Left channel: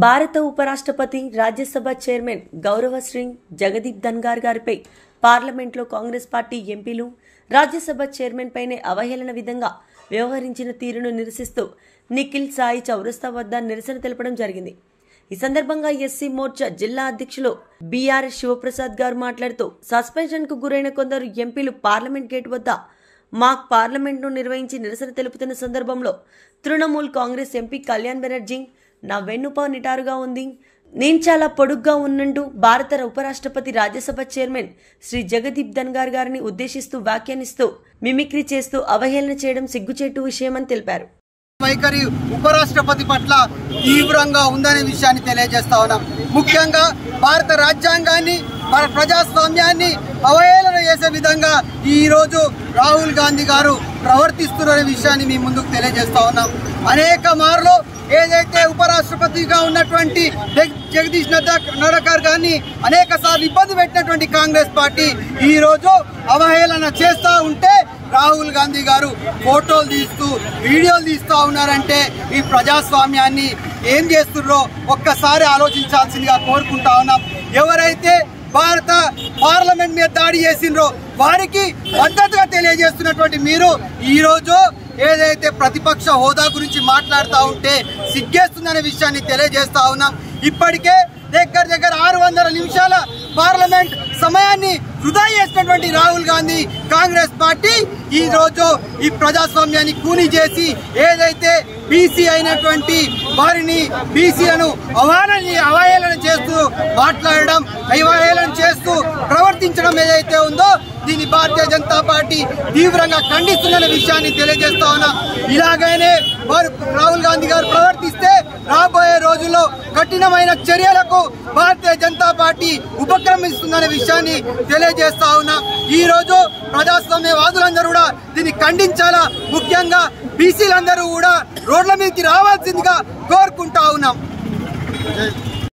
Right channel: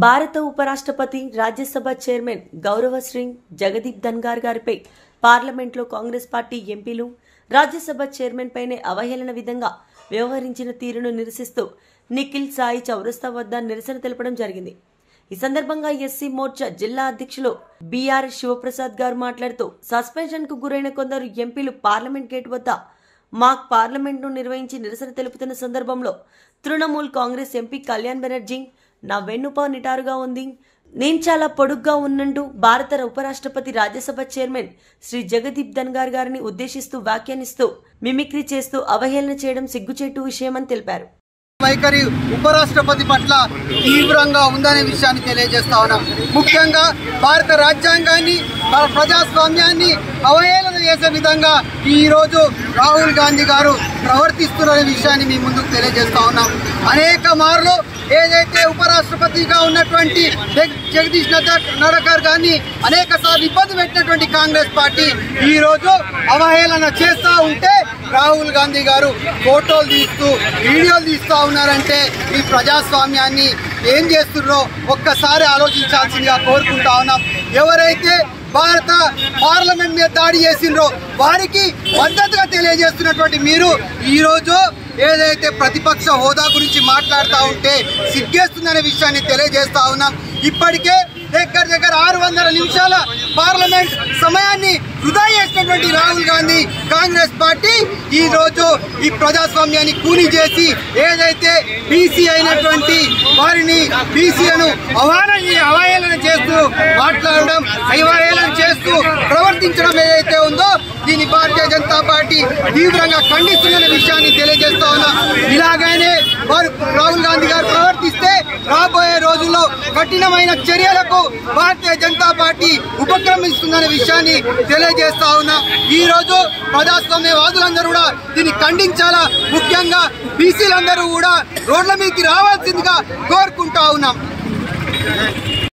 భారత ఉపరాష్ట్రపతి రాజ్యసభ చైర్మన్ గౌరవ శ్రీ జగదీప్ ధన్ఖర్ గారిపై పార్లమెంట్లో కాంగ్రెస్ పార్టీ ఎంపీలు రాజ్యసభ చైర్మన్ పైనే అవహేళన విధంగా వ్యవహరించిన తీరును నిరసిస్తూ నిఖిల్ సాయి చౌరస్తా వద్ద నిరసన తెలపడం జరిగింది. ఈ సందర్భంగా ఎస్సీ మోర్చా జిల్లా అధ్యక్షులు బిఆర్ శివప్రసాద్ గారు మాట్లాడుతూ సస్పెన్షన్ కు గురైన కొందరు ఎంపీలు పార్లమెంట్ గేట్ వద్ద మాక్ పార్లమెంట్ ను నిర్వహించి నిరసన తెలుపుతున్న సందర్భంలో తృణమూల్ కాంగ్రెస్ ఎంపీ కళ్యాణ్ బెనర్జీ నా వెన్నుప నిటారుగా ఉంది, నేను చాలా పొడుగ్గా ఉన్నంటూ భారత ఉపరాష్ట్రపతి రాజ్యసభ చైర్మన్ శ్రీ జగదీప్ ధన్ఖర్ గారిని ఉద్దేశిస్తూ వ్యాఖ్యానిస్తూ మిమిక్రీ చేస్తూ అవహేళన చేయడం సిగ్గుచేటు విషయమని తెలిపారు. వైఖరి ఉపరాష్ట్రపతి పట్ల తీవ్రంగా ఉందనే విషయాన్ని తెలియజేస్తా ఉన్నాం. ముఖ్యంగా భారత రాజ్యాంగాన్ని, మన ప్రజాస్వామ్యాన్ని అవహేళన చేసే విధంగా ఈరోజు రాహుల్ గాంధీ గారు ప్రవర్తిస్తున్న విషయాన్ని మీ ముందుకు తెలియజేస్తా ఉన్నాం. అనేక మార్లు ఏదైతే ఉపరాష్ట్రపతిగా ఉన్నటువంటి జగదీష్ నడకర్ గారిని అనేక సార్లు ఇబ్బంది పెట్టినటువంటి కాంగ్రెస్ పార్టీ ఈరోజు అవహేళన చేస్తూ ఉంటే రాహుల్ గాంధీ గారు ఫోటోలు తీస్తూ వీడియోలు తీస్తూ ఉన్నారంటే ఈ ప్రజాస్వామ్యాన్ని ఏం చేస్తున్నారో ఒక్కసారి ఆలోచించాల్సిందిగా కోరుకుంటా ఉన్నాం. ఎవరైతే భారత పార్లమెంట్ మీద దాడి చేసిండ్రో వారికి మద్దతుగా తెలియజేస్తున్నటువంటి మీరు ఈరోజు ఏదైతే ప్రతిపక్ష హోదా గురించి మాట్లాడుతూ ఉంటే సిగ్గేస్తుందనే విషయాన్ని తెలియజేస్తా ఉన్నాం. ఇప్పటికే దగ్గర 600 నిమిషాల పార్లమెంట్ సమయాన్ని వృధా చేసినటువంటి రాహుల్ గాంధీ కాంగ్రెస్ పార్టీ ఈ రోజు ఈ ప్రజాస్వామ్యాన్ని కూని చేసి ఏదైతే బీసీ అయినటువంటి వారిని బీసీలను అవహేళన చేస్తూ మాట్లాడడం, అవహేళన చేస్తూ ప్రవర్తించడం ఏదైతే ఉందో దీన్ని భారతీయ జనతా పార్టీ తీవ్రంగా ఖండిస్తున్న విషయాన్ని తెలియజేస్తా ఉన్నా. ఇలాగైనే వారు రాహుల్ గాంధీ గారు ప్రవర్తిస్తే రాబోయే రోజుల్లో కఠినమైన చర్యలకు భారతీయ జనతా పార్టీ ఉపక్రమిస్తుందనే విషయాన్ని తెలియజేస్తా ఉన్నా. ఈ రోజు ప్రజాస్వామ్యవాదులందరూ కూడా దీన్ని ఖండించాలా, ముఖ్యంగా బీసీలందరూ కూడా రోడ్ల మీదకి రావాల్సిందిగా కోరుకుంటా ఉన్నాం.